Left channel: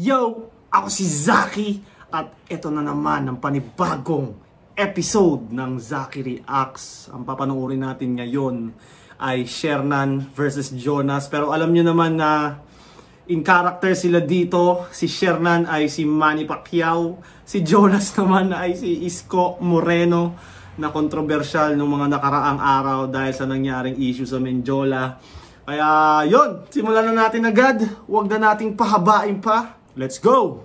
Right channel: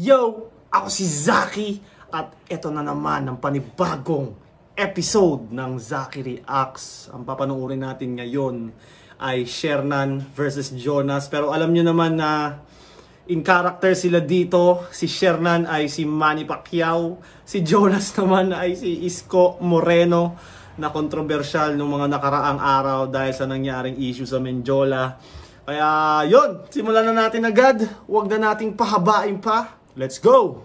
Yo! Ako si Zaki at ito na naman ang panibagong episode ng Zaki Reacts. Ang papanoorin natin ngayon ay Shernan versus Jonas. Pero alam nyo naman na in character sila dito. Si Shernan ay si Manny Pacquiao. Si Jonas naman ay si Isko Moreno na kontrobersyal nung mga nakaraang araw dahil sa nangyaring issue sa Menjola. Kaya yun, simulan na natin agad. Huwag na nating pahabain pa. Let's go!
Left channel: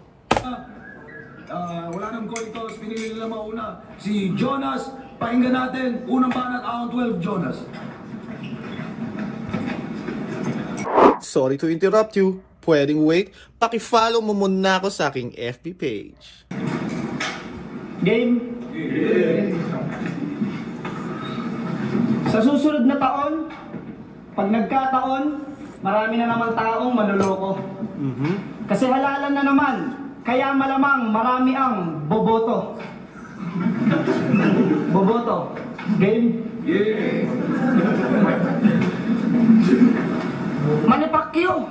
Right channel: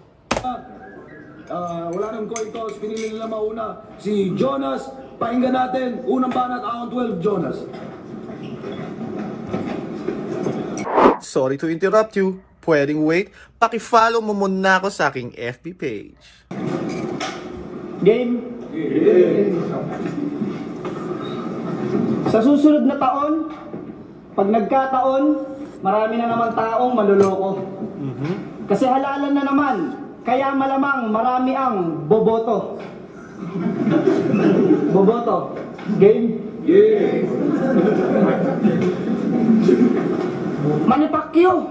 Wala nang coin toss, pinili nila mauna si Jonas. Pakinggan natin, unang banat, round 12, Jonas. Sorry to interrupt you. Pwedeng wait. Paki-follow mo muna ako sa aking FB page. Game? Sa susunod na taon, pag nagkataon, marami na naman taong maluloko. Kasi halalan na naman, kaya malamang marami ang boboto. Boboto. Game? Yeah. Manny Pacquiao!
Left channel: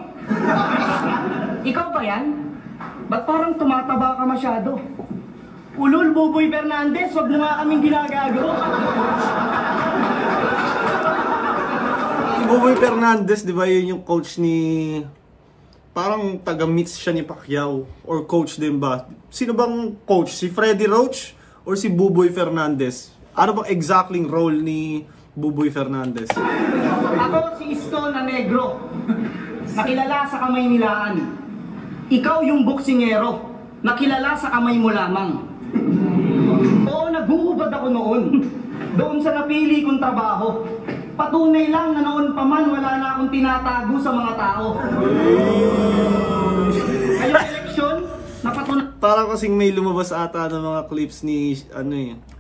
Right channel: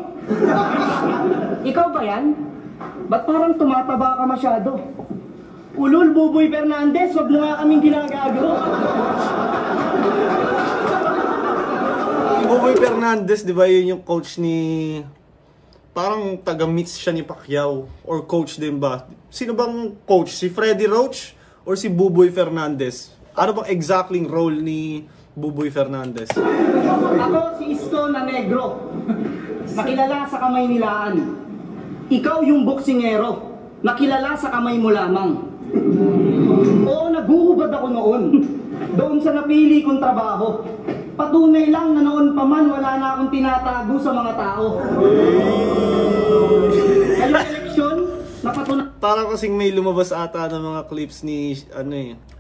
Ikaw ba yan? Ba't parang tumataba ka masyado? Ulul, Buboy Fernandez, wag mo nga kaming ginagago. Si Buboy Fernandez, di ba yun yung coach ni... Parang taga-mix siya ni Pacquiao or coach din ba? Sino bang coach? Si Freddy Roach or si Buboy Fernandez? Ano bang exactly role ni Buboy Fernandez? Ako si Isko na negro, nakilala sa kamay nilaan. Ikaw yung boksingero, nakilala sa kamay mo lamang. Oo, naguhubad ako noon, doon sa napili kong trabaho. Patunay lang na noon pa man wala na akong tinatago sa mga tao. Kaya eleksyon, napatunay. Parang kasing may lumabas ata ng mga clips ni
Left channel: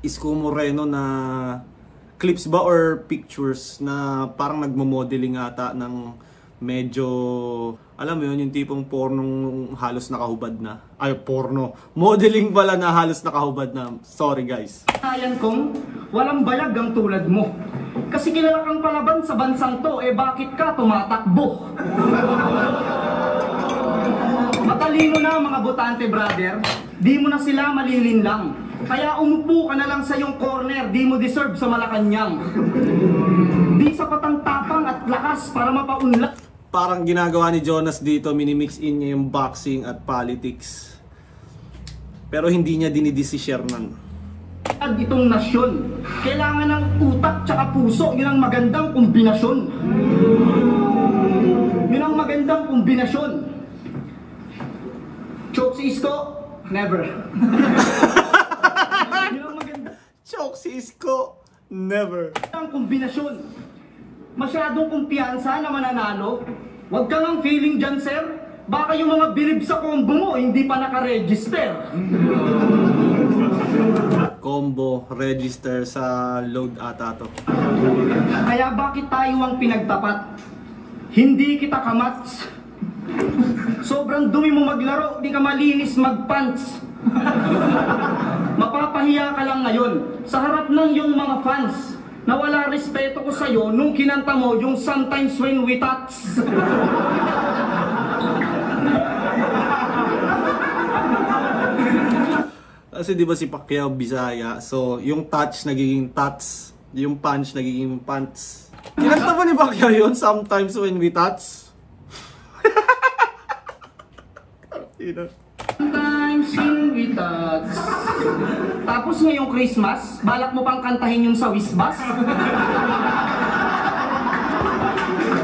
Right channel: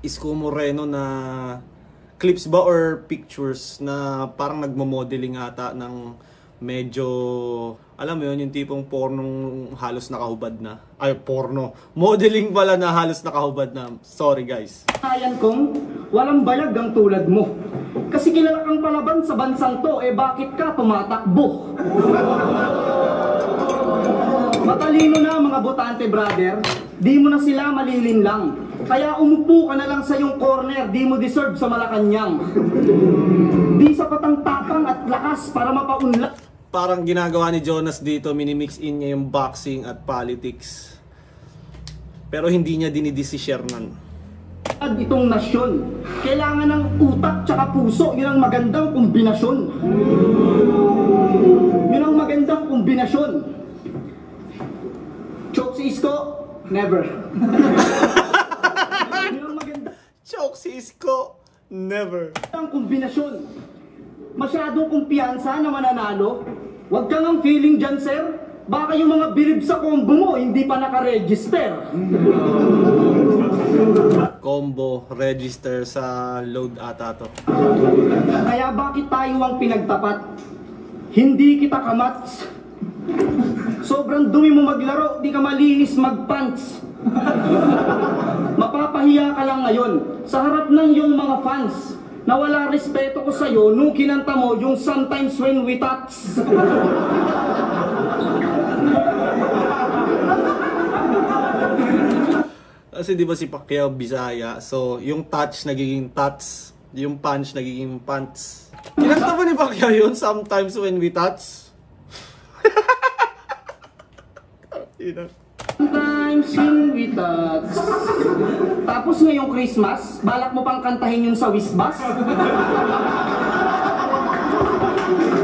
Isko Moreno na clips ba or pictures na parang nagmo-modeling ata ng medyo, alam mo yun, yung tipong pornong halos nakahubad na. Ay, porno. Modeling pala na halos nakahubad na. Sorry guys. Ayan kong walang bayag ang tulad mo. Kasi kilala kang palaban sa bansang to, eh bakit ka tumatakbo? Matalino na mga botante brother, di mo na sila malilinlang. Kaya umupo ka na lang sa iyong corner, di mo deserve sa Malacanang. Di sapat ang tapang at lakas para mapaunlak. Parang ginagawa ni Jonas dito, minimix in niya yung boxing at politics. Pero hindi niya dinidis si Shernan. Itong nasyon, kailangan ng utak tsaka puso, yun ang magandang kombinasyon. Yun ang magandang kombinasyon. Choke si Isko? Never. Yun ang magandang Choke si Isko? Never. kombinasyon. Masyadong kumpiyansa na mananalo. Huwag kang ang feeling dyan, sir. Baka yung mga bilib sa combo mo hindi pa nakaregister. Combo, register sa load ata to. Kaya bakit tayo ang pinagtapat? Hindi kita kamats. Sobrang dumi mo maglaro, di ka malinis magpants. Mapapahiya ka lang ngayon sa harap ng iyong mga fans na wala respeto ko sa'yo nung kinanta mo yung Sometimes When We Touch. Kasi di ba si Pacquiao Bisaya, so yung touch nagiging touch, yung punch nagiging punch. Kinanta ba ni Pacquiao yun, Sometimes When We Touch? Sometimes When We Touch. Tapos ngayong Christmas, balak mo pang kantahin yung sa Wisbas?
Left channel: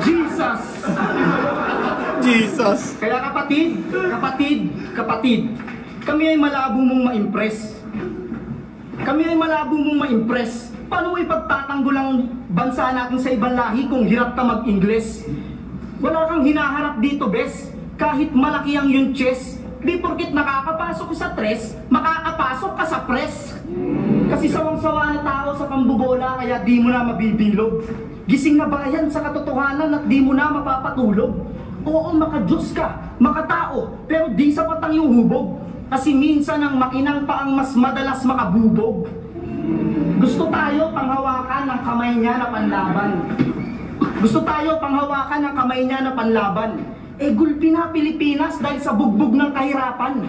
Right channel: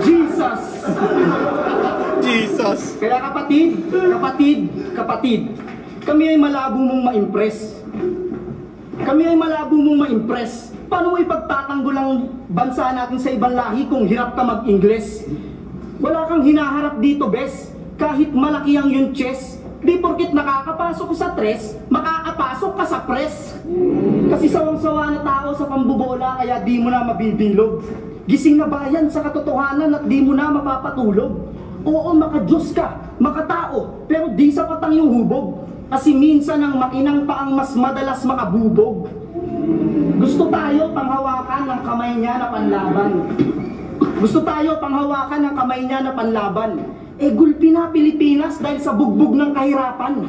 Jesus! Jesus! Kaya kapatid, kami ay malabo mong ma-impress. Kami ay malabo mong ma-impress. Paano mo ipagtatanggol ang bansa natin sa ibang lahi kung hirap ka mag-Ingles? Wala kang hinaharap dito, bes. Kahit malaki ang yung chest, di porkit nakakapasok ka sa tres, makakapasok ka sa press. Kasi sawang-sawa na tao sa pambubola, kaya di mo na mabibilog. Gising na bayan sa katotohanan at di mo na mapapatulog. Oo, makadiyos ka, makatao, pero di sapat ang iyong hubog. Kasi minsan ang makinang pa ang mas madalas makabubog. Gusto tayo panghawakan ng kamay niya na panlaban. Gusto tayo panghawakan ng kamay niya na panlaban. gulpi na Pilipinas dahil sa bugbog ng kahirapan.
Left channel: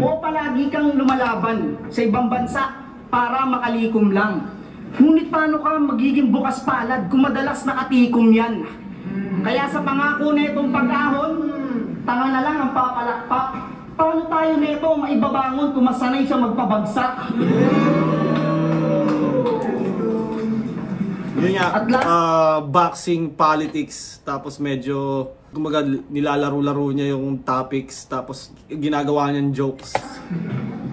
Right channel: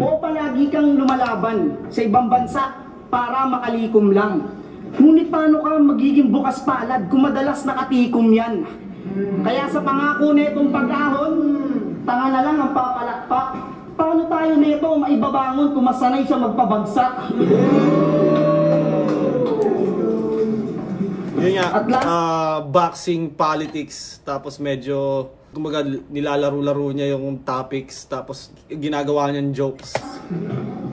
O palagi kang lumalaban sa ibang bansa para makalikom lang. Ngunit paano ka magiging bukas palad kung madalas nakatikom yan? Kaya sa pangako netong pag-ahon, tanga na lang ang papalakpak. Paano tayo neto maibabangon kung masanay siya magpabagsak? Yun nga, boxing, politics, tapos medyo kumaga nilalaro-laro niya yung topics, tapos ginagawa niyang jokes.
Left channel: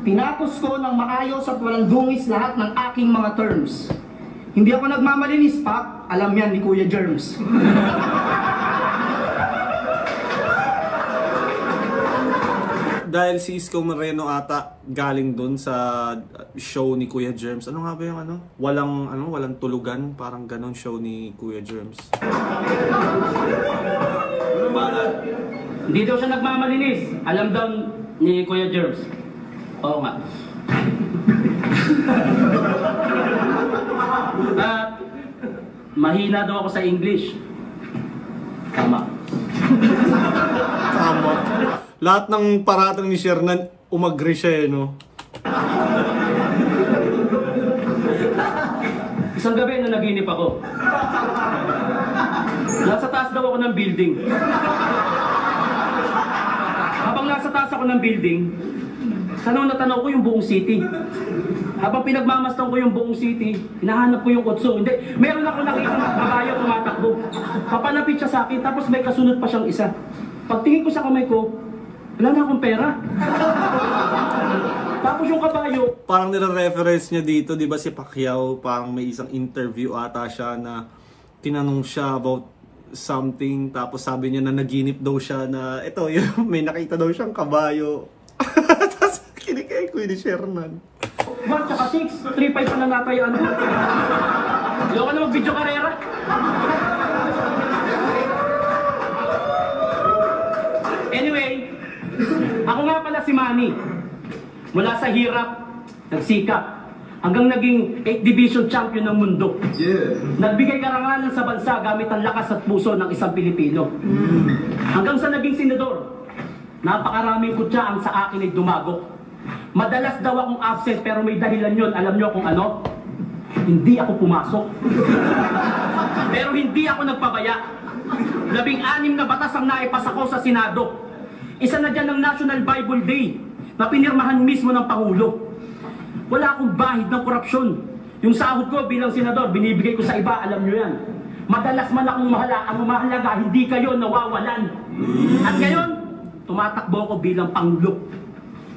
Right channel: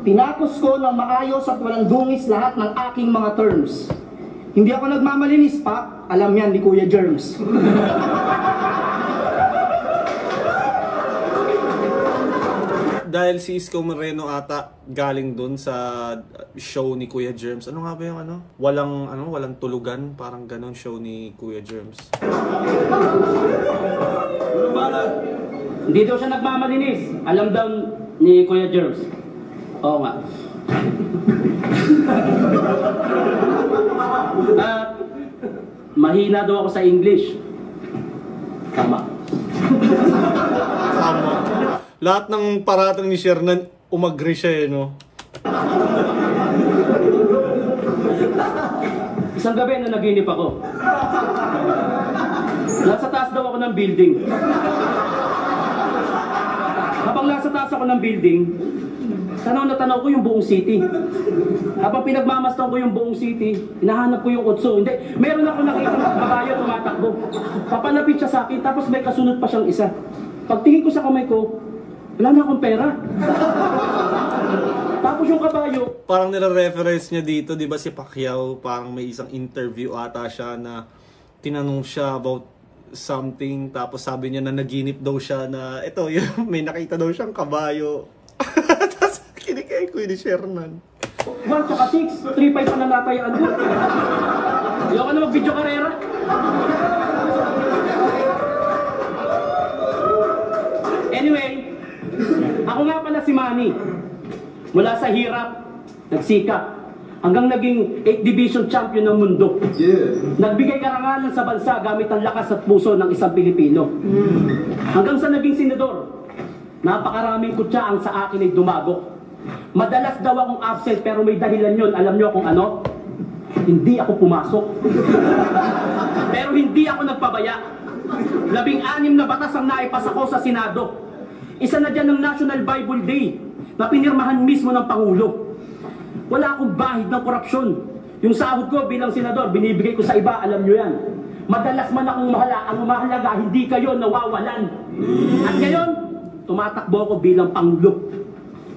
Tinapos ko ng maayos at walang dungis lahat ng aking mga terms. Hindi ako nagmamalinis pa, alam yan ni Kuya Germs. Dahil si Isko Moreno ata galing dun sa show ni Kuya Germs. Ano nga ba yung walang tulugan, parang ganon show ni Kuya Germs. Hindi daw siya nagmamalinis. Alam daw ni Kuya Germs. Oo nga. Mahina daw ako sa English. Tama. Tama. Lahat ng paratang ni Shernan, umagri siya no? Isang gabi na naginip ako. Nasa taas daw ako ng building. Habang nasa taas ako ng building, tanaw na tanaw ko yung buong city. Habang pinagmamastan ko yung buong city, hinahanap ko yung kutso. Hindi, meron ako nakita ng kabayo tumatakbo. Papalapit siya sa akin, tapos may kasunod pa siyang isa. Pagtingin ko sa kamay ko, wala na akong pera. Tapos yung kabayo, parang nire-reference niya dito, di ba si Pacquiao, parang may isang interview ata siya na tinanong siya about something, tapos sabi niya na naginip daw siya na ito, yung, may nakita daw siyang kabayo. Tapos kinikay ko ni Shernan. 1 tsaka 6, 3-5 pa nalatayaan ko. Ayaw ka na mag-video karera. Anyway, ako nga pala si Manny. Mula sa hirap, nagsikap, hanggang naging 8th Division Champion ng mundo. Nagbigay karangalan sa bansa gamit ang lakas at puso ng isang Pilipino. Hanggang sa naging senador, napakaraming kutsa ang sa akin ay dumago. Madalas daw akong absent pero may dahilan yun. Alam nyo kung ano? Hindi ako pumasok. Pero hindi ako nagpabaya. 16 na batas ang naipasa ko sa Senado. Isa na dyan ng National Bible Day na pinirmahan mismo ng Pangulo. Wala akong bahid ng korupsyon. Yung sahod ko bilang senador, binibigay ko sa iba, alam nyo yan. Madalas man akong ang mahalaga, hindi kayo nawawalan. At ngayon, tumatakbo ako bilang Pangulo.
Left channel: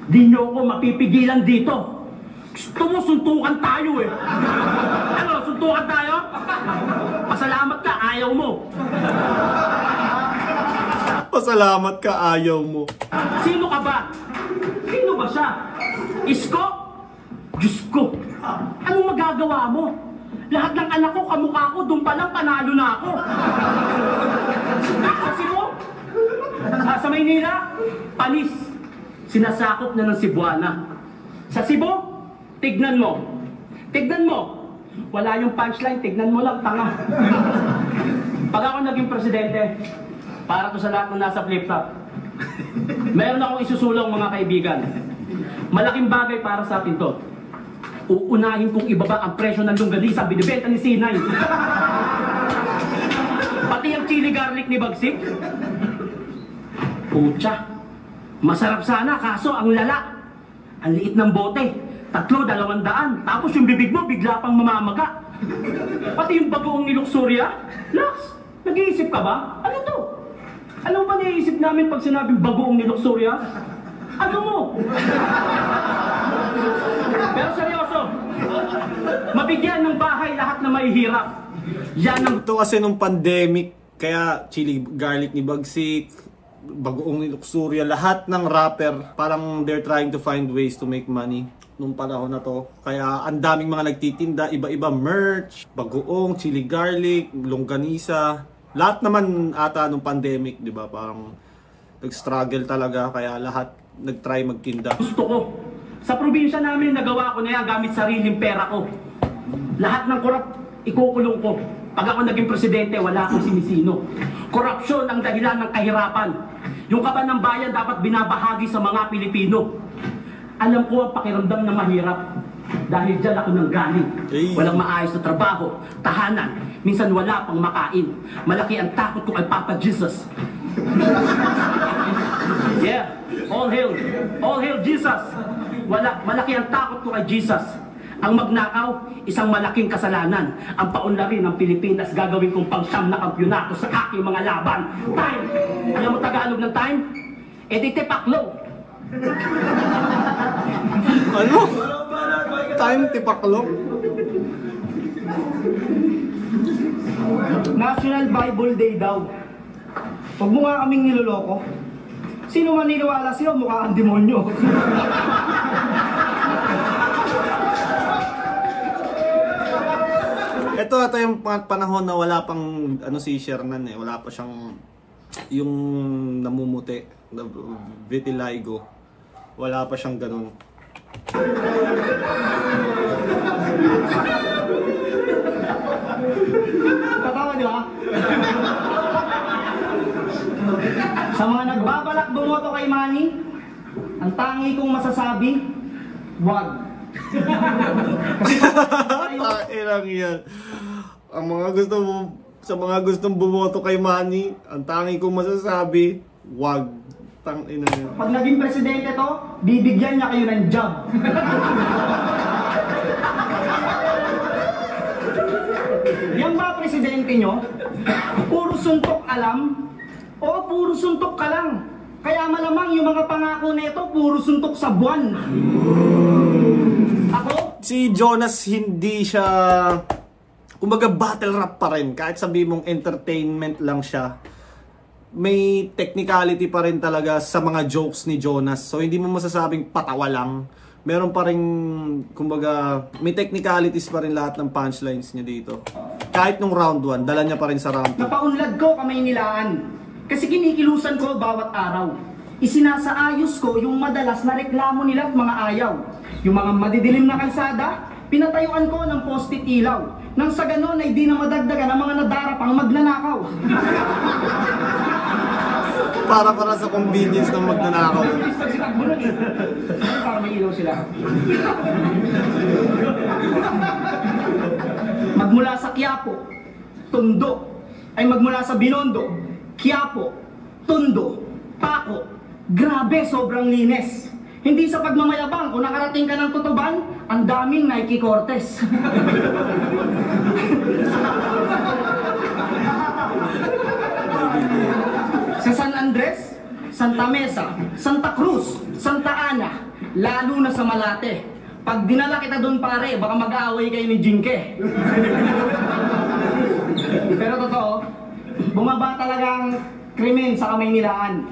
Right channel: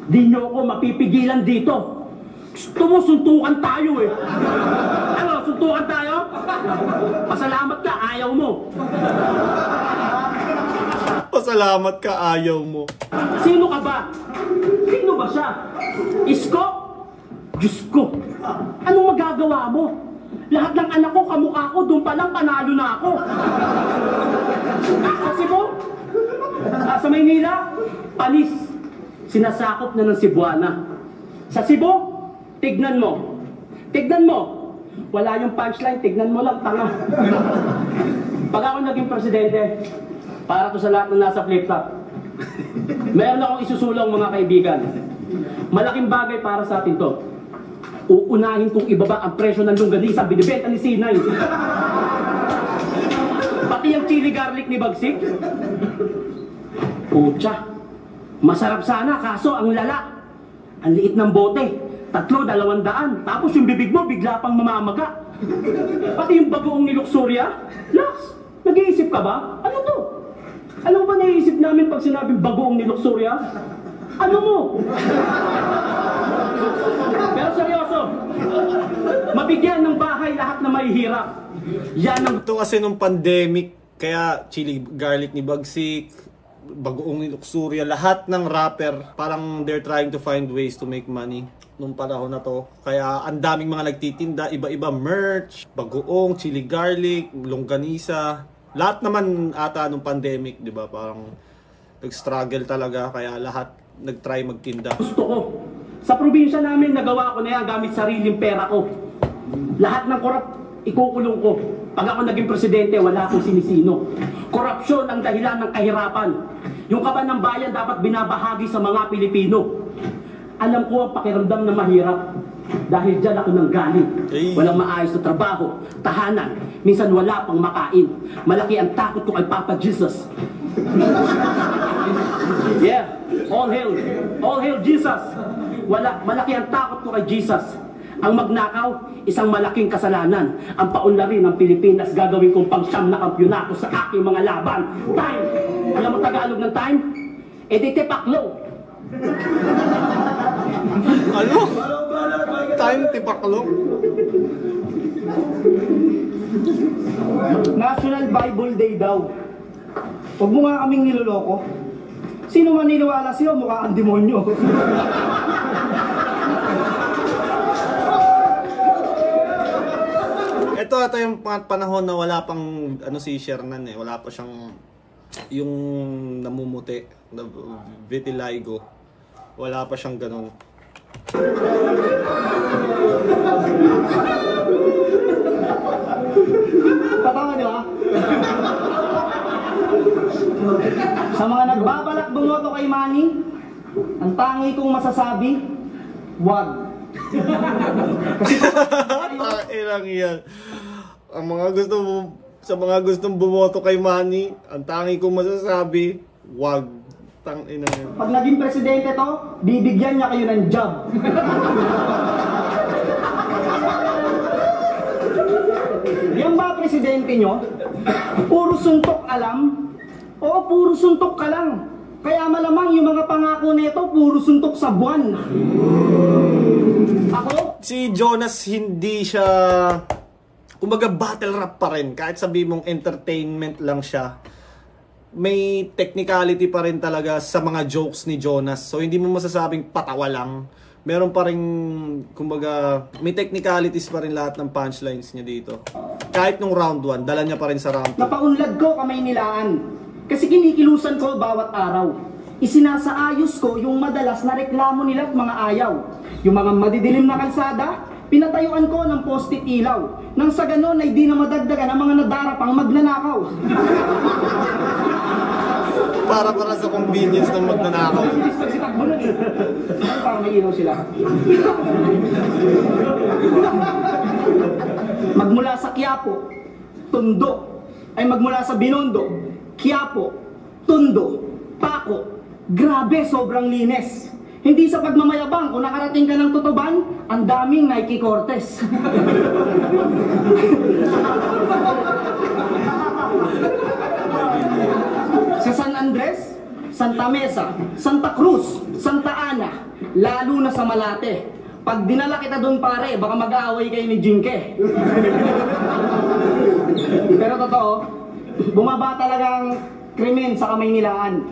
Di nyo ako mapipigilan dito. Gusto mo, suntukan tayo eh. Ano, suntukan tayo? Pasalamat ka, ayaw mo. Pasalamat ka, ayaw mo. Sino ka ba? Sino ba siya? Isko? Diyos ko. Anong magagawa mo? Lahat ng anak ko, kamukha ko, doon pa lang panalo na ako. Kasi mo? Sa Maynila? Panis. Sinasakop na ng Cebuana. Sa Cebu? Tignan mo. Tignan mo. Wala yung punchline, tignan mo lang, tanga. Pag ako naging presidente, para to sa lahat ng nasa flip-flop, meron akong isusulang mga kaibigan. Malaking bagay para sa atin to. Uunahin kong ibaba ang presyo ng longganisa binibenta ni Sinay. Pati ang chili garlic ni Bagsik. Pucha, masarap sana kaso ang lala. Ang liit ng bote, 300-200. Tapos yung bibig mo bigla pang mamamaga. Pati yung bagoong ni Luxuria. Lax, nag-iisip ka ba? Ano to? Alam mo ba naiisip namin pag sinabing bagoong ni Luxuria? Ano mo? Pero seryoso, mabigyan ng bahay lahat na mahihirap. Yan ang... Ito kasi nung pandemic, kaya chili garlic ni Bagsik, bagoong ni Luxuria, lahat ng rapper, parang they're trying to find ways to make money nung panahon na to. Kaya ang daming mga nagtitinda, iba-iba merch, bagoong, chili garlic, longganisa. Lahat naman ata nung pandemic, di ba? Parang nag-struggle talaga, kaya lahat nag-try magtinda. Gusto ko. Sa probinsya namin, nagawa ko na yan gamit sariling pera ko. Lahat ng korap, ikukulong ko. Pag ako naging presidente, wala akong sinisino. Korupsyon ang dahilan ng kahirapan. Yung kaban ng bayan dapat binabahagi sa mga Pilipino. Alam ko ang pakiramdam na mahirap. Dahil dyan ako nanggaling. Walang maayos na trabaho, tahanan. Minsan wala pang makain. Malaki ang takot ko kay Papa Jesus. Yeah, all hail Jesus. Malaki ang takot ko kay Jesus. Ang magnakaw, isang malaking kasalanan. Ang paunlarin ng Pilipinas, gagawin kong pang-siyam na kampyonato sa aking mga laban. Time! Alam mo Tagalog ng time? Edite paklo. Ano? Time tipaklong? National Bible Day daw. Huwag mo nga kaming niloloko. Sino maniniwala sa'yo? Mukha kang demonyo. Ito yung panahon na wala pang ano si Shernan eh. Wala pa siyang yung namumuti, vitiligo. Wala pa siyang ganun. Tama, di ba? Sa mga nagbabalak bumoto kay Manny, ang tangi kong masasabi, wag. Tainang yan. Ang mga sa mga gustong bumoto kay Manny, ang tangi kong masasabi, wag. Tangina yan. Pag naging presidente to, bibigyan niya kayo ng job. Yan ba presidente nyo? Puro suntok alam? O puro suntok ka lang? Kaya malamang yung mga pangako nito, puro suntok sa buwan. Ako? Si Jonas hindi siya, kumbaga battle rap pa rin. Kahit sabi mong entertainment lang siya, may technicality pa rin talaga sa mga jokes ni Jonas. So hindi mo masasabing patawa lang. Meron pa rin, kumbaga, may technicalities pa rin lahat ng punchlines niya dito. Kahit nung round 1, dala niya pa rin sa round 2. Napaunlad ko kamay nilaan. Kasi kinikilusan ko bawat araw. Isinasaayos ko yung madalas na reklamo nila at mga ayaw. Yung mga madidilim na kalsada, pinatayuan ko ng post-it ilaw. Nang sa ganon ay di na madagdagan ang mga nadarapang magnanakaw. Para sa convenience ng magnanakaw. Para may ilaw sila. Magmula sa Quiapo, Tondo, ay magmula sa Binondo, Quiapo, Tondo, Paco, grabe sobrang linis. Hindi sa pagmamayabang, kung nakarating ka ng Tutuban, ang daming Nike Cortez. Sa San Andres, Santa Mesa, Santa Cruz, Santa Ana, lalo na sa Malate. Pag dinala kita doon pare, baka mag-aaway kayo ni Jinke. Pero totoo, bumaba talagang krimen sa Kamaynilaan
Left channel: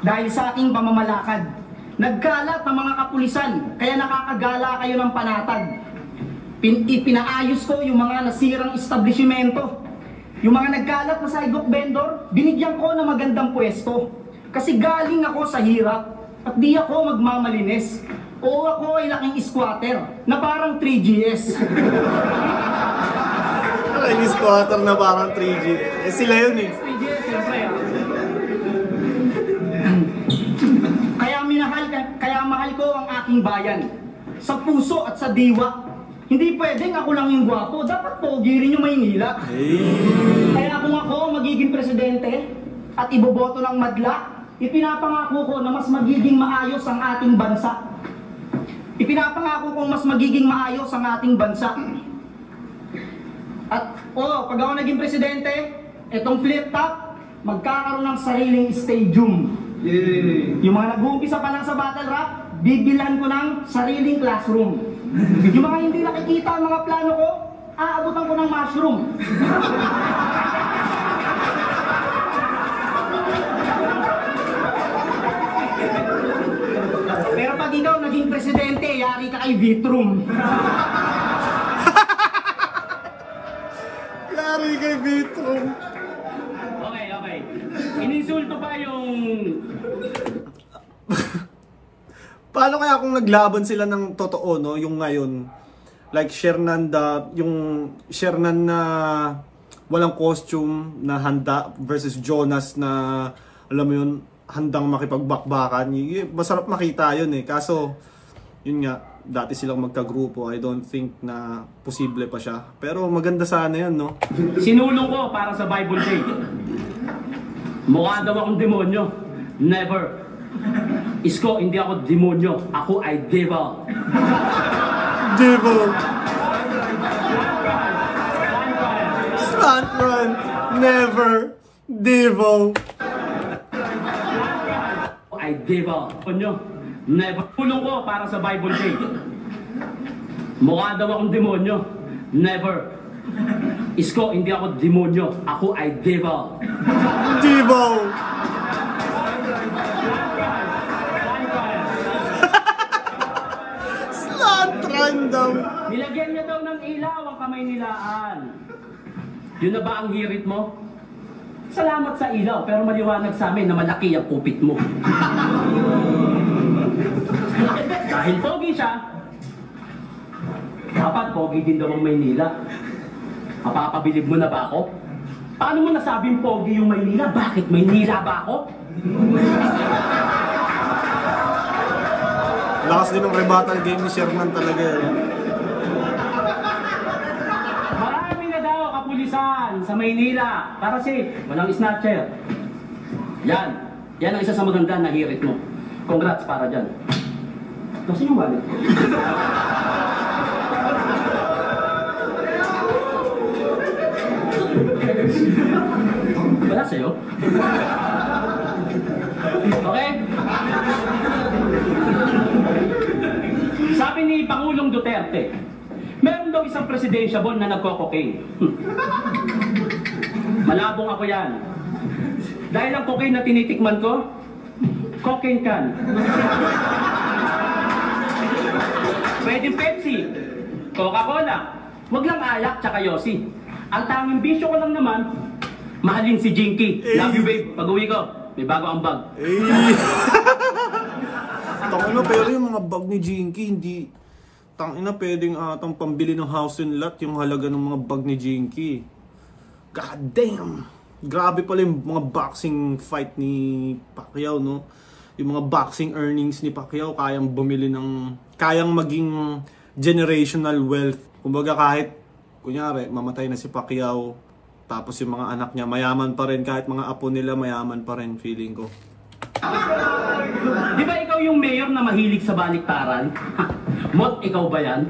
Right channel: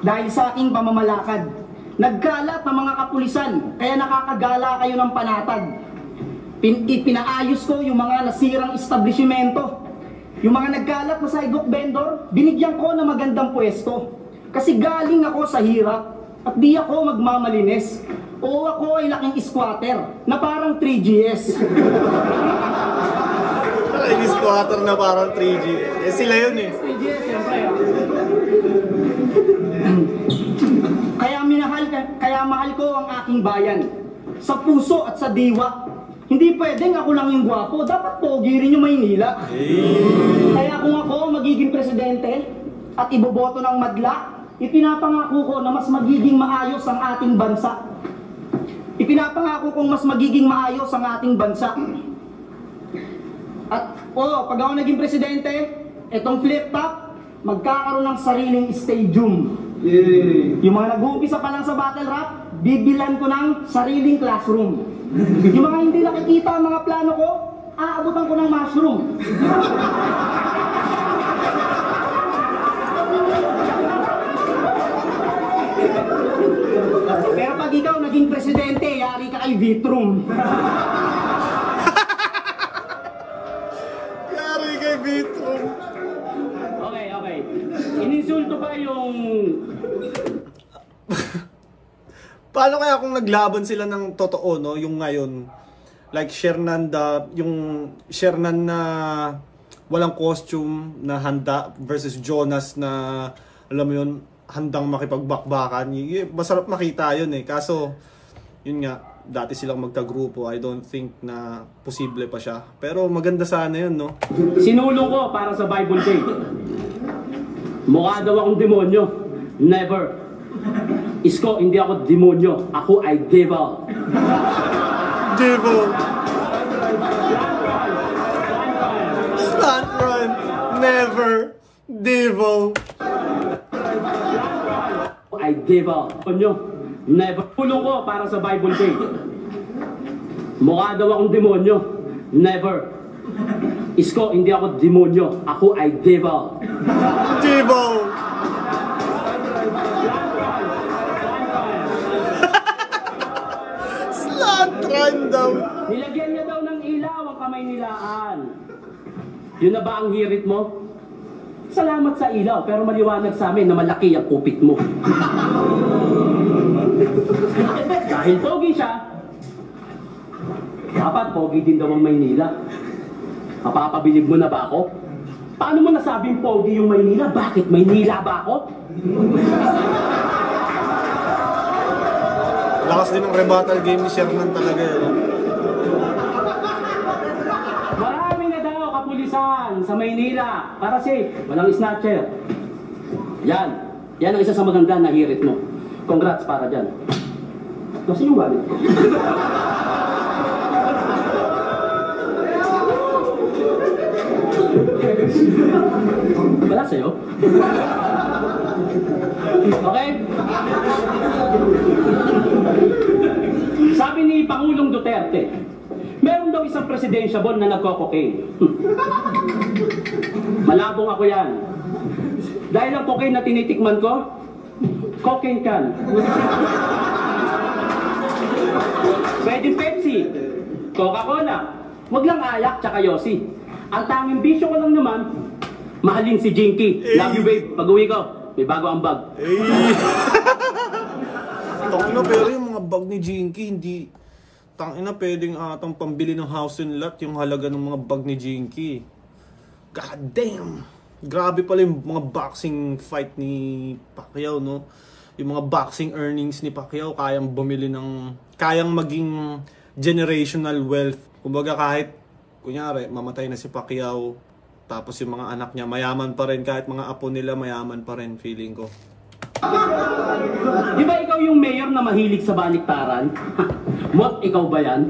dahil sa aking pamamalakad. Nagkalat ng mga kapulisan, kaya nakakagala kayo ng panatag. Ipinaayos ko yung mga nasirang establishmento. Yung mga nagkalat na sidewalk vendor, binigyan ko ng magandang pwesto. Kasi galing ako sa hirap at di ako magmamalinis. O ako ay laking squatter na parang 3GS. Laking squatter na parang 3G. Eh sila yun eh. 3GS, siyempre. Kaya mahal ko ang aking bayan. Sa puso at sa diwa. Hindi pwedeng ako lang yung gwapo. Dapat pogi rin yung Maynila. Kaya kung ako magiging presidente at iboboto ng madla, ipinapangako ko na mas magiging maayos ang ating bansa. Ipinapangako kong mas magiging maayos ang ating bansa. At pag ako naging presidente, etong flip top, magkakaroon ng sariling stadium. Yung mga nag-uumpisa pa lang sa battle rap, bibilan ko ng sariling classroom. Yung mga hindi nakikita ang mga plano ko, aabutan ko ng mushroom. Pero pag ikaw naging presidente, yari ka kay Vitrum. Yari kay Vitrum. Okay. Ininsulto ba yung... Paano kaya kung naglaban sila ng totoo, no? Yung ngayon, like Shernan, yung Shernan na walang costume na handa versus Jonas na alam mo yun, handang makipagbakbakan. Masarap makita yun eh. Kaso, yun nga, dati silang magkagrupo. I don't think na posible pa siya. Pero maganda sana yun, no? Sinulong ko para sa Bible Day. Mukha daw akong demonyo. Never. Isko, hindi ako demonyo. Ako ay devil. Devil. Stunt run. Never. Devil. Ay devil. Onyo. Never. Sinulong ko para sa Bible Day. Mukha daw akong demonyo. Never. Isko, hindi ako demonyo. Ako ay devil. Devil. Slant run daw. Nilagyan niya daw ng ilaw ang kamay nilaan. Yun na ba ang hirit mo? Salamat sa ilaw, pero maliwanag sa amin na malaki ang kupit mo. Dahil pogi siya, dapat pogi din daw ang Maynila. Mapapabilib mo na ba ako? Paano mo nasabing pogi yung Maynila? Bakit Maynila ba ako? Lakas din ng rebuttal game ni Shernan talaga yun. Marami na daw kapulisan sa Maynila para safe, walang snatcher. Yan ang isa sa maganda na hirit mo. Congrats para dyan. Kasi yung wallet. Wala sa'yo? Okay? Sabi ni Pangulong Duterte, meron daw isang presidentiable na nagko-cocaine. Malabong ako yan. Dahil ang cocaine na tinitikman ko, cocaine can. Pwede Pepsi, Coca-Cola, wag lang ayak tsaka yosi. Ang tanging bisyo ko lang naman, mahalin si Jinky. Love you babe, pag-uwi ko, may bago ang bag. Tangina, pero yung mga bag ni Jinky, hindi... Tangina, pwedeng atang pambili ng house and lot yung halaga ng mga bag ni Jinky. God damn! Grabe pala yung mga boxing fight ni Pacquiao, no? Yung mga boxing earnings ni Pacquiao, kayang bumili ng... Kayang maging generational wealth. Kumbaga kahit, kunyari, mamatay na si Pacquiao, tapos yung mga anak niya, mayaman pa rin. Kahit mga apo nila, mayaman pa rin, feeling ko. Di ba ikaw yung mayor na mahilig sa baliktaran? Mot, ikaw ba yan?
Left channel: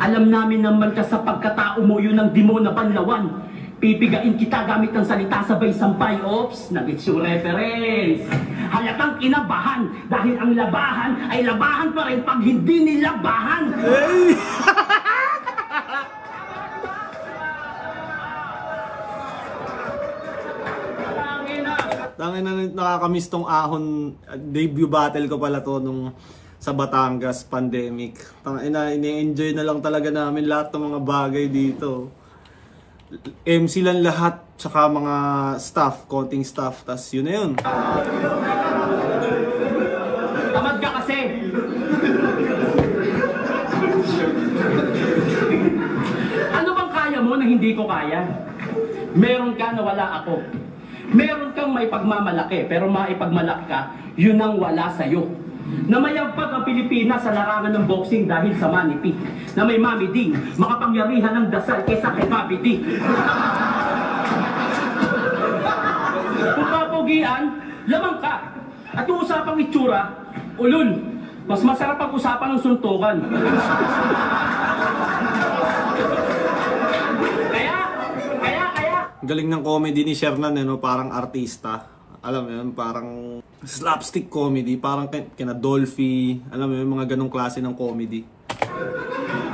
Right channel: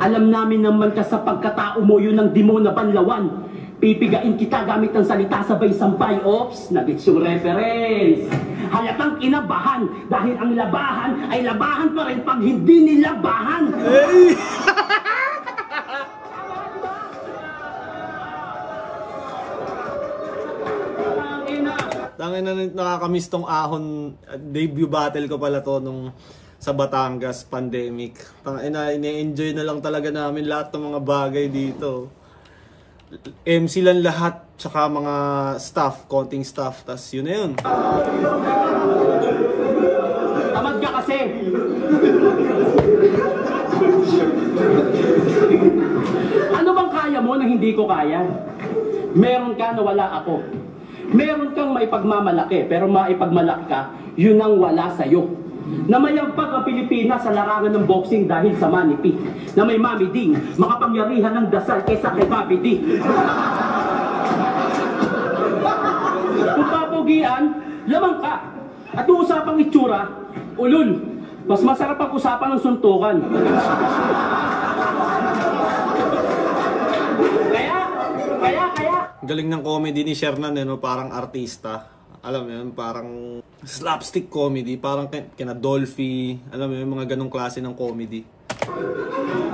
Alam namin naman ka sa pagkatao mo yun ng demo na banlawan. Pipigain kita gamit ng salita sabay sampay. Oops, nagits yung reference. Halatang kinabahan dahil ang labahan ay labahan pa rin pag hindi nilabahan. Hey! Tangina, nakakamiss tong ahon. Debut battle ko pala to nung sa Batangas pandemic. Tangina, ini-enjoy na lang talaga namin lahat ng mga bagay dito. MC lang lahat, tsaka mga staff, konting staff, tas yun na yun. Tamad ka kasi. Ano bang kaya mo na hindi ko kaya? Meron ka na wala ako. Meron kang may pagmamalaki, pero maipagmalaki ka, yun ang wala sa'yo. Na mayagpag ang Pilipinas sa larangan ng boxing dahil sa Manny P. Na may Mami Ding, makapangyarihan ng dasal kaysa kay Papi D. Kung papogian, lamang ka. At kung usapang itsura, ulol. Mas masarap ang usapan ng suntukan. Kaya. Galing ng comedy ni Shernan, no? Parang artista. Alam mo yun, parang slapstick comedy, parang kina Dolphy, alam mo yun, mga ganong klase ng comedy.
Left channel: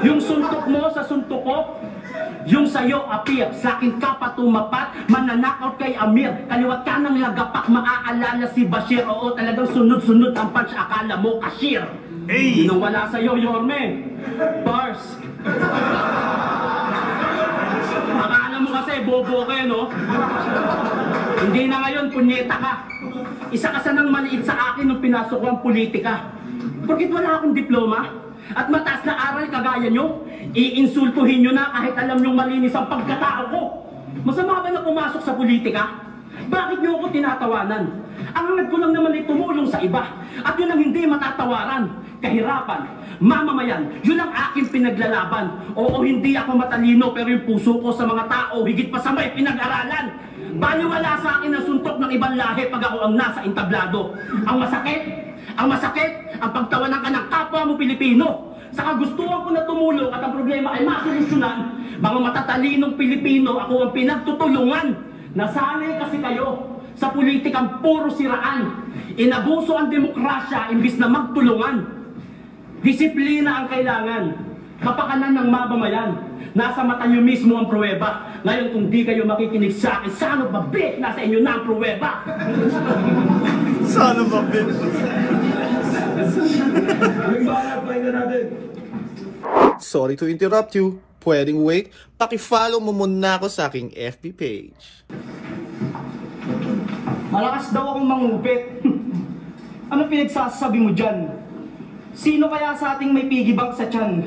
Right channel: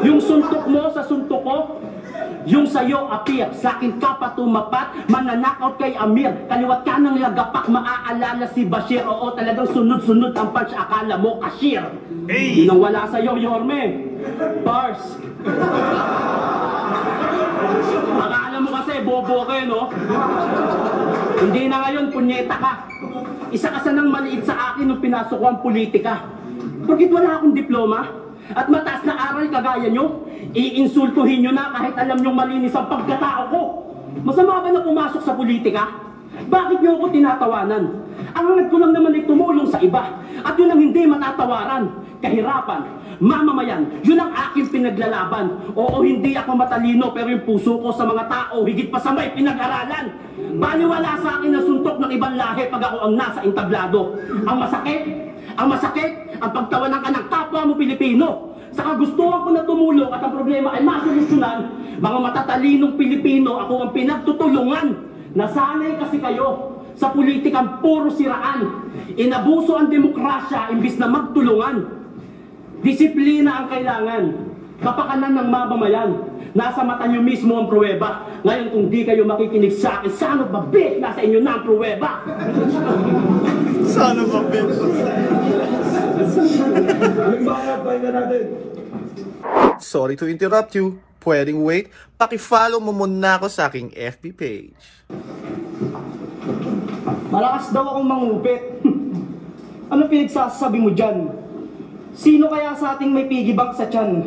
Yung suntok mo sa suntok ko, yung sa'yo appear, sa akin ka patumapat, mananakaut kay Amir, kaliwat ka ng lagapak, maaalala si Bashir, oo talagang sunod-sunod ang punch, akala mo cashier. Hey! Yun ang wala sa'yo, Yorme. Bars. Akala mo kasi, bobo ka, no? Hindi na ngayon, punyeta ka. Isa ka sanang maliit sa akin nung pinasok ko ang politika. Bakit wala akong diploma? At mataas na aral kagaya nyo? Iinsultuhin nyo na kahit alam nyong malinis ang pagkatao ko. Masama ba na pumasok sa politika? Bakit niyo ako tinatawanan? Ang hangad ko lang naman ay tumulong sa iba. At yun ang hindi matatawaran. Kahirapan, mamamayan, yun ang aking pinaglalaban. Oo, hindi ako matalino, pero yung puso ko sa mga tao, higit pa sa may pinag-aralan. Baliwala sa akin ang suntok ng ibang lahi pag ako ang nasa entablado. Ang masakit, ang pagtawanan ka ng kapwa mo Pilipino. Sa kagustuhan ko na tumulong at ang problema ay masolusyonan, mga matatalinong Pilipino, ako ang pinagtutulungan. Nasanay kasi kayo sa politikang puro siraan. Inabuso ang demokrasya imbis na magtulungan. Disiplina ang kailangan. Kapakanan ng mamamayan. Nasa mata nyo mismo ang pruweba. Ngayon kung di kayo makikinig sa akin, sana ba bet nasa inyo na ang pruweba? Sana ba, Ben? Aming banak, pakinggan natin. Sorry to interrupt you. Pwedeng wait. Paki-follow mo muna ako sa aking FB page. Malakas daw akong mangupit. Ano pinagsasabi mo dyan? Sino kaya sa ating may piggy bank sa tiyan?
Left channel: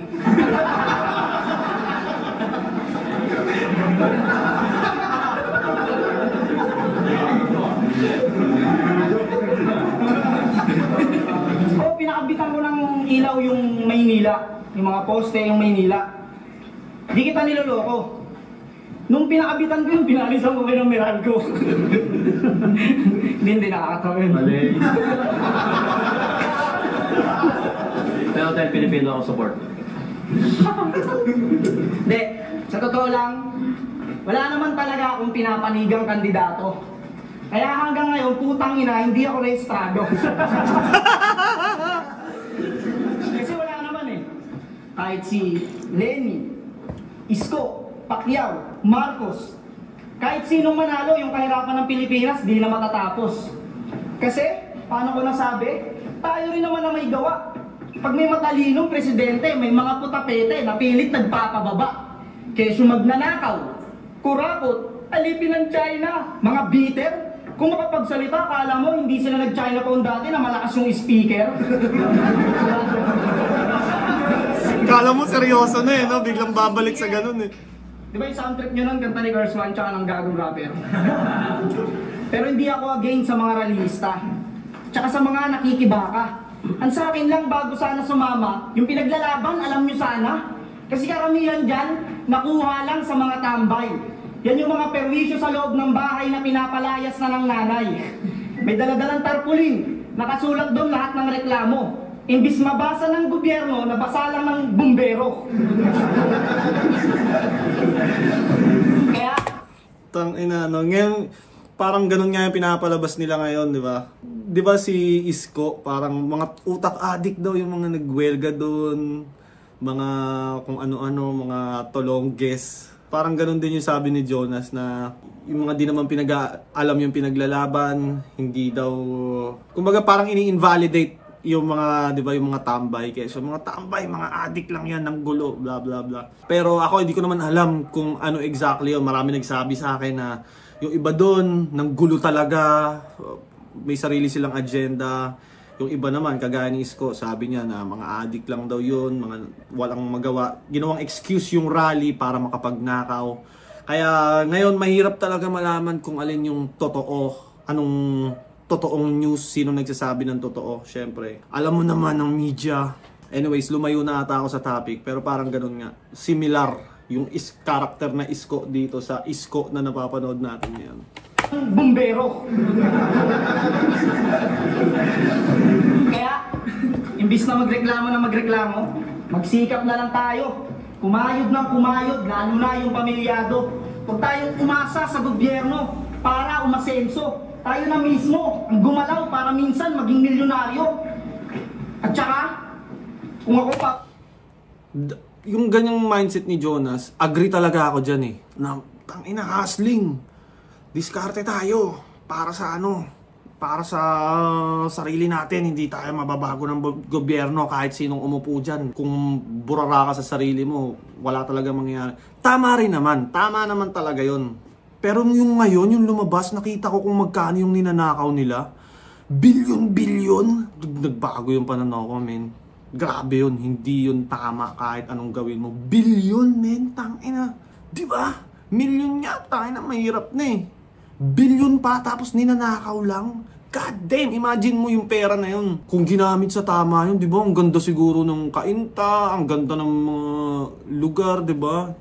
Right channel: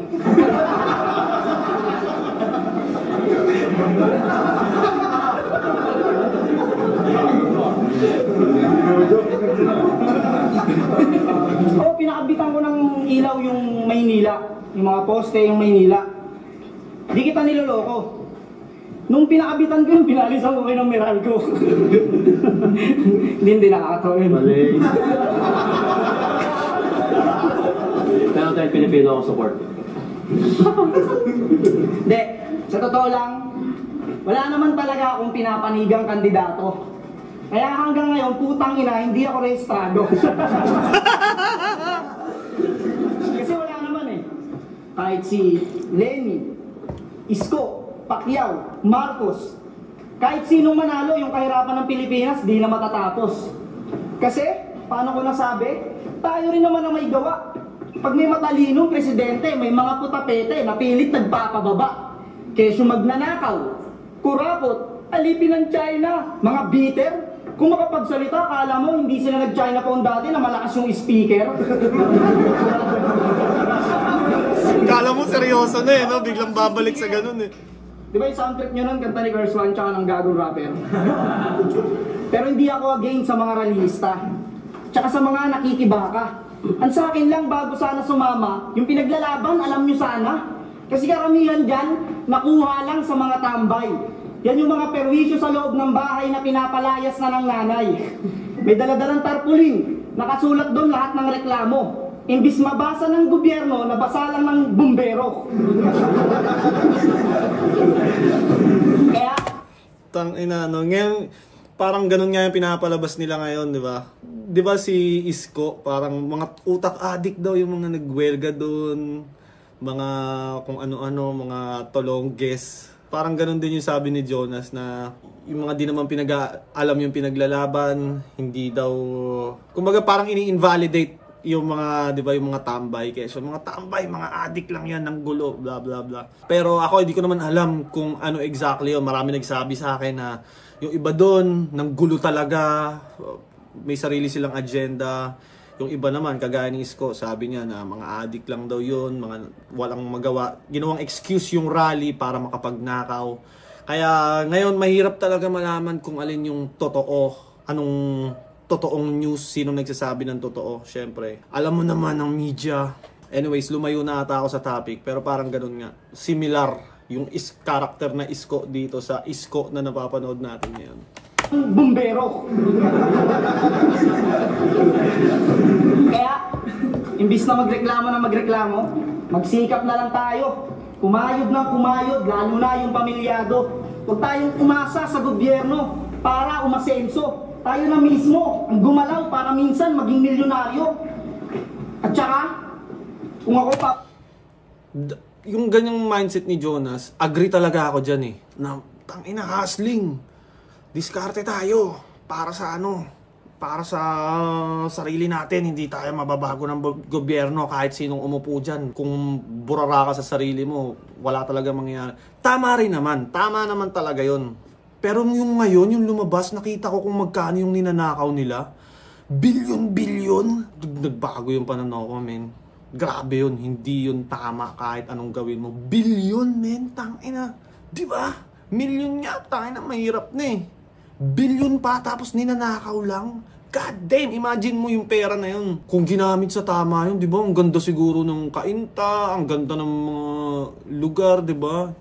Pinakabitan ko ng ilaw yung Maynila. Yung mga poste yung Maynila. Di kita niloloko. Nung pinakabitan ko yung pinalisan ko kayo ng Meralco. Hindi nakakatawa yun. Mali. Pero tayo Pilipino ako support. Hindi, sa totoo lang, wala naman talaga akong pinapanigang kandidato. Kaya hanggang ngayon, putang ina, hindi ako rehistrado. Kasi wala naman eh. Kahit si Lenny, Isko, Pacquiao, Marcos, kahit sinong manalo yung kahirapan ng Pilipinas, di na matatapos. Kasi, paano ko nasabi? Tayo rin naman na may gawa. Pag may matalinong presidente, may mga putapete na pilit nagpapababa. Kesyo magnanakaw, kurakot, alipin ng China, mga bitter. Kung makapagsalita, akala mo hindi sila nag-China Pound dati na malakas yung speaker. Kala mo seryoso na eh, no? Biglang babalik sa ganun eh. Di ba yung soundtrack nyo nun, kanta ni Girls One tsaka ng gagong rapper? Pero hindi ako against sa mga rallyista. Tsaka sa mga nakikibaka. Ang sa akin lang, bago sana sumama, yung pinaglalaban, alam nyo sana. Kasi karamihan dyan, nakuha lang sa mga tambay. Yan yung mga perwisyo sa loob ng bahay na pinapalayas na ng nanay. May daladalang tarpaulin, nakasulat doon lahat ng reklamo. Imbis mabasa ng gobyerno, nabasa lang ng bumbero. Kaya, Tangina, no? Ngayon, parang ganun nga yung pinapalabas nila ngayon, di ba? Di ba si Isko, parang mga utak addict daw yung mga nagwelga doon. Mga kung ano-ano, mga tolongges. Parang ganun din yung sabi ni Jonas na yung mga di naman alam yung pinaglalaban, hindi daw, kumbaga parang ini-invalidate yung mga, di ba, yung mga tambay. Kaya so, mga tambay, mga addict lang yan ng gulo, bla bla bla. Pero ako hindi ko naman alam kung ano exactly yun. Marami nagsabi sa akin na yung iba doon, ng gulo talaga, may sarili silang agenda. Yung iba naman, kagaya ni Isko, sabi niya na mga addict lang daw yun, mga walang magawa. Ginawang excuse yung rally para makapagnakaw. Kaya ngayon, mahirap talaga malaman kung alin yung totoo, anong totoong news, sino nagsasabi ng totoo. Syempre, alam mo naman ng media. Anyways, lumayo na ata ako sa topic, pero parang ganun nga. Similar yung character na Isko dito sa Isko na napapanood natin ngayon. bumbero. Kaya, imbis na magreklamo, magsikap na lang tayo. Kumayod ng kumayod, lalo na yung pamilyado. Huwag tayong umasa sa gobyerno para umasenso. Tayo na mismo ang gumalaw para minsan maging milyonaryo. At saka, kung ako pa... Yung ganyang mindset ni Jonas, agree talaga ako dyan eh. Na, tangina, hustling. Diskarte tayo para sa ano, para sa sarili natin. Hindi tayo mababago ng gobyerno kahit sinong umupo dyan. Kung burara ka sa sarili mo, wala talaga mangyayari. Tama rin naman, tama naman talaga yon. Pero yung ngayon, yung lumabas, nakita ko kung magkano yung ninanakaw nila. Bilyon-bilyon. Nagbago yung pananaw ko, men. Grabe yun, hindi yun tama kahit anong gawin mo. Bilyon, men, tangina. Diba? Milyon nga, tayo na mahirap na eh. Bilyon pa, tapos ninanakaw lang. God damn, imagine mo yung pera na yun. Kung ginamit sa tama yun, di ba? Ang ganda siguro ng kainta, ang ganda ng mga lugar, di ba?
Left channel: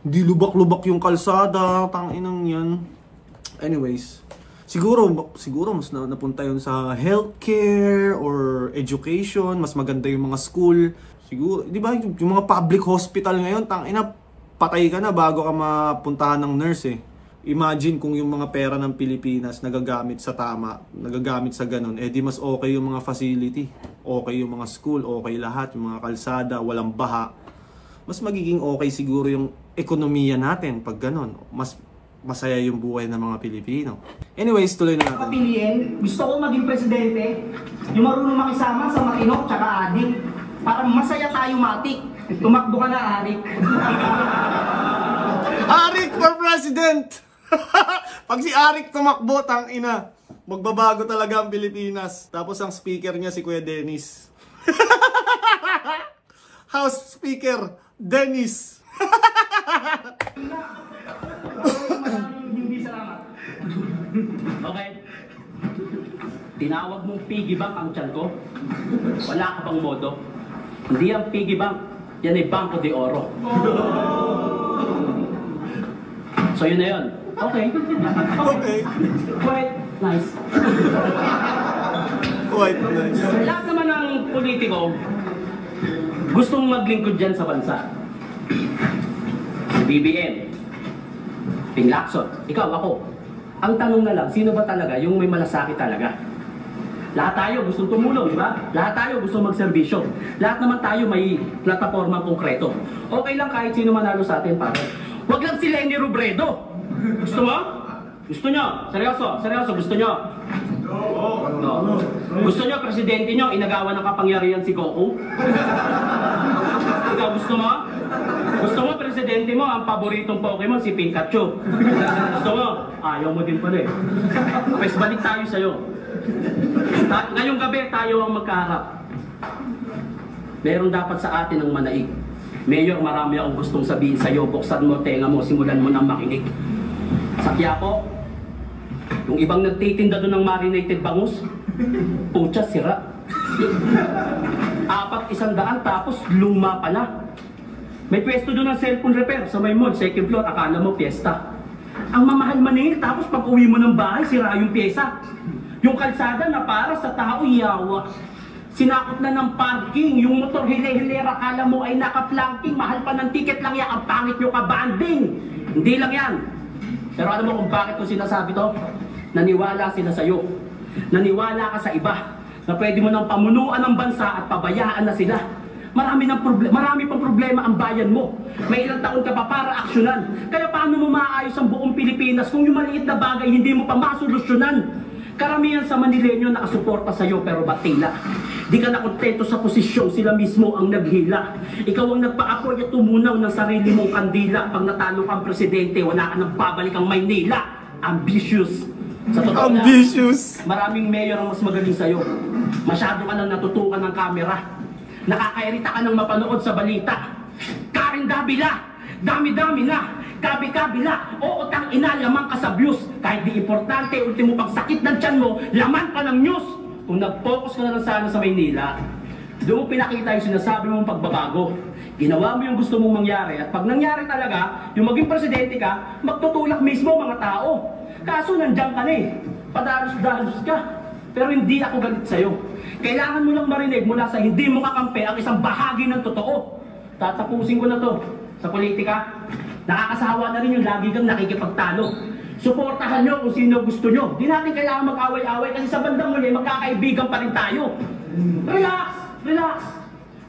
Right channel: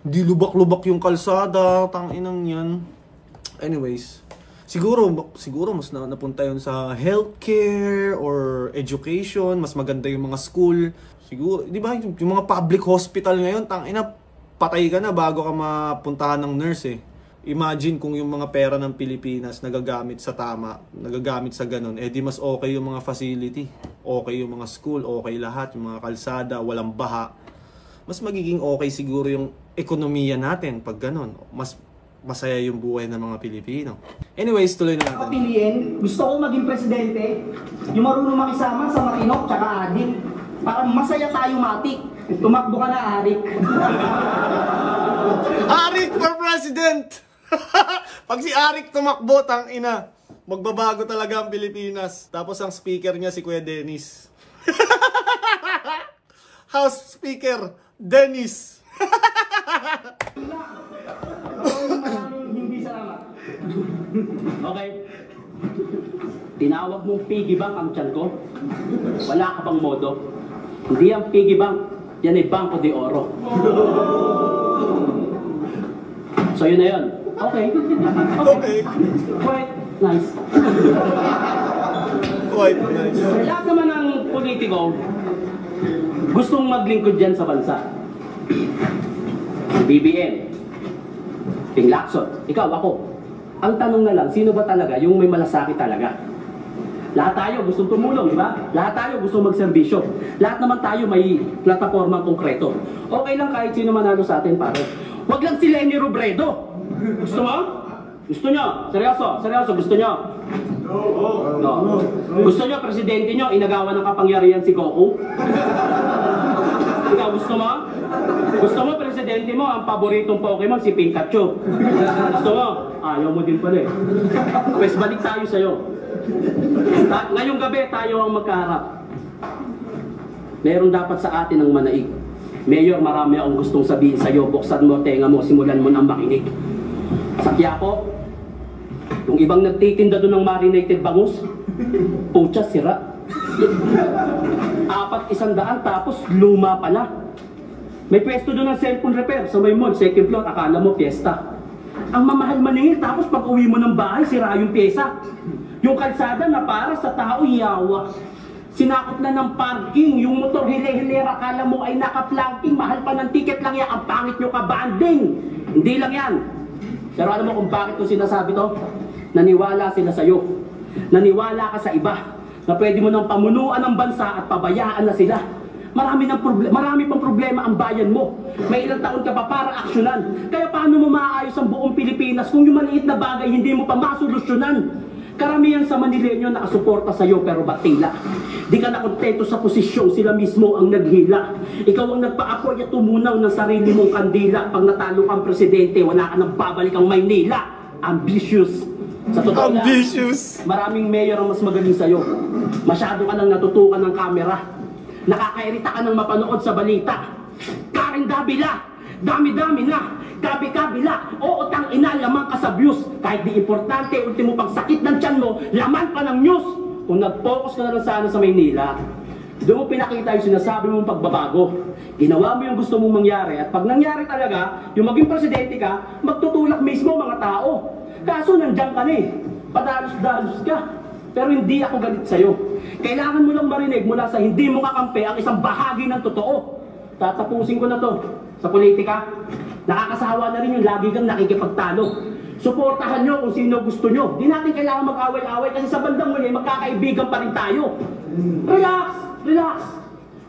Di lubak-lubak yung kalsada, tanginang yan. Anyways, siguro mas napunta yun sa healthcare or education, mas maganda yung mga school. Siguro, di ba, yung mga public hospital ngayon, tangina, patay ka na bago ka mapuntahan ng nurse eh. Imagine kung yung mga pera ng Pilipinas nagagamit sa tama, nagagamit sa ganun, eh di mas okay yung mga facility, okay yung mga school, okay lahat, yung mga kalsada, walang baha. Mas magiging okay siguro yung ekonomiya natin pag ganun. Mas masaya yung buhay ng mga Pilipino. Anyways, tuloy na natin. Papiliin, gusto ko maging presidente, yung marunong makisama sa matino tsaka adik. Para masaya tayo, matik. Tumakbo ka na, Arik. Arik for president! Pag si Arik tumakbo, tangina, magbabago talaga ang Pilipinas. Tapos ang speaker niya si Kuya Dennis. House Speaker Dennis. Hindi salamat. Okay. Tinawag mong piggy bank ang tiyan ko. Wala ka pang modo. Hindi ang piggy bank. Yan ay Banco de Oro. So yun na yun. Okay. Okay. Quite nice. Quite nice. Lahat naman ng politiko gustong maglingkod dyan sa bansa. BBM, Ping Lacson, ikaw, ako. Ang tanong na lang, sino ba talaga yung may malasakit talaga? Lahat tayo gustong tumulong, di ba? Lahat tayo gustong magserbisyo. Lahat naman tayo may plataformang konkreto. Okay lang kahit sino manalo sa atin, pare. Huwag lang si Lenny Robredo. Gusto mo? Gusto nyo? Seryoso? Seryoso? Gusto nyo? No. Gusto nyo, presidente nyo, inagawa ng kapangyarihan si Goku? Ikaw, gusto mo? Gusto mo, presidente mo, ang paboritong Pokemon, si Pikachu. Gusto mo? Ayaw mo din pala eh. Pues balik tayo sa'yo. Ngayong gabi, tayo ang magkaharap. Meron dapat sa atin ang manaig. Mayor, marami akong gustong sabihin sa'yo. Buksan mo, tenga mo, simulan mo ng makinig. Sa Quiapo, yung ibang nagtitinda doon ng marinated bangus, pucha, sira. 400 tapos luma pa na. May pwesto doon ng cellphone repair sa may mall, second floor, akala mo piyesta. Ang mamahal maningil, tapos pag uwi mo ng bahay, sira yung pyesa. Yung kalsada na para sa tao, yawa. Sinakot na ng parking, yung motor hile-hilera, akala mo ay naka-planking, mahal pa ng ticket lang yan, ang pangit nyo ka-banding. Hindi lang yan. Pero alam mo kung bakit ko sinasabi to? Naniwala sila sa'yo. Naniwala ka sa iba na pwede mo nang pamunuan ng bansa at pabayaan na sila. Marami pang problema ang bayan mo. May ilang taon ka pa para aksyonan. Kaya paano mo maayos ang buong Pilipinas kung yung maliit na bagay hindi mo pa masolusyonan? Karamihan sa Manileño nakasuporta sa'yo pero batila. Di ka nakontento sa posisyon, sila mismo ang naghila. Ikaw ang nagpa-apoy at tumunaw ng sarili mong kandila. Pag natalo kang presidente, wala ka nang babalik ang Maynila. Ambitious. Sa totoo Ambitious. na, maraming mayor ang mas magaling sa'yo. Masyado ka nang natutukan ng kamera. Nakakairita ka nang mapanood sa balita. Karen Davila, dami-dami na. Kabi-kabila, oo tang-ina, laman ka sa views. Kahit di importante, ultimo pang sakit ng tiyan mo, laman ka ng news. Kung nag-focus ka na lang sana sa Maynila, doon mo pinakita yung sinasabi mong pagbabago. Ginawa mo yung gusto mong mangyari, at pag nangyari talaga, yung maging presidente ka, magtutulak mismo mga tao. Kaso nandiyan ka na eh, padalos-dalos ka. Pero hindi ako galit sa'yo. Kailangan mo lang marinig mula sa hindi mo kakampi ang isang bahagi ng totoo. Tatapusin ko na to sa politika. Nakakasawa na rin yung lagi kang nakikipagtalo. Suportahan nyo kung sino gusto nyo. Di natin kailangan mag-away-away kasi sa bandang muli, magkakaibigan pa rin tayo. Relax! Relax!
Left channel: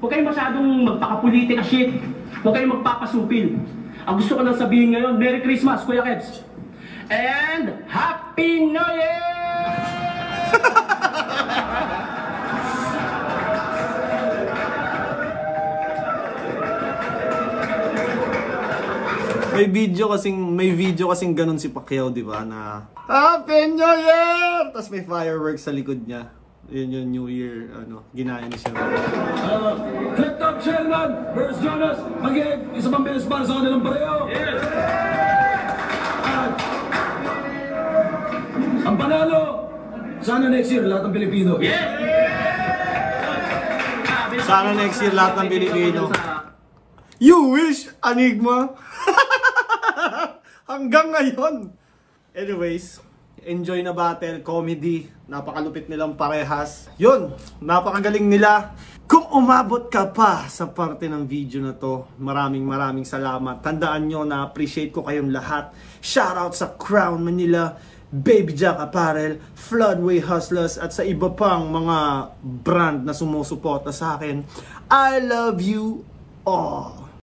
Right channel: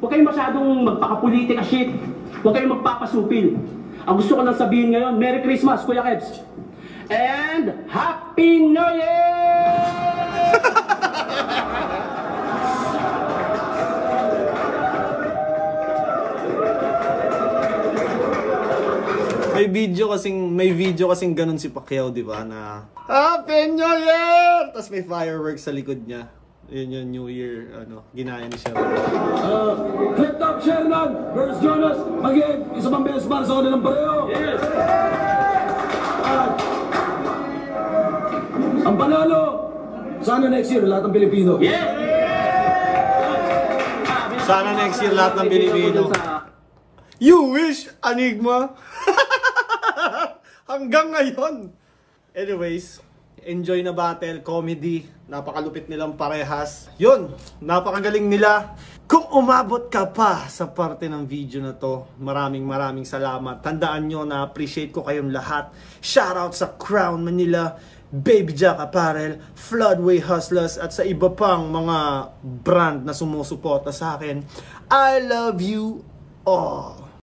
Huwag kayong masyadong magpakapolitika shit. Huwag kayong magpapasupil. Ang gusto ko lang sabihin ngayon, Merry Christmas, Kuya Kebs. And Happy New Year! May video kasing ganun si Pacquiao, di ba, na Happy New Year! Tapos may fireworks sa likod niya. Yun yung New Year, ginaya ni siya. Click up, Sherman versus Jonas. Mag-isa pang beses para sa kanilang pareho. Yes! Ang panalo, sana next year lahat ng Pilipino. Sana next year lahat ng Pilipino. You wish, Enigma. Hanggang ngayon. Anyways, enjoy na battle, comedy. Napakalupit nilang parehas. Yun, napakagaling nila. Kung umabot ka pa sa parte ng video na to, maraming salamat. Tandaan nyo na appreciate ko kayong lahat. Shoutout sa Crown Manila, Baby Jack Apparel, Floodway Hustlers, at sa iba pang mga brand na sumusuporta sa akin. I love you all.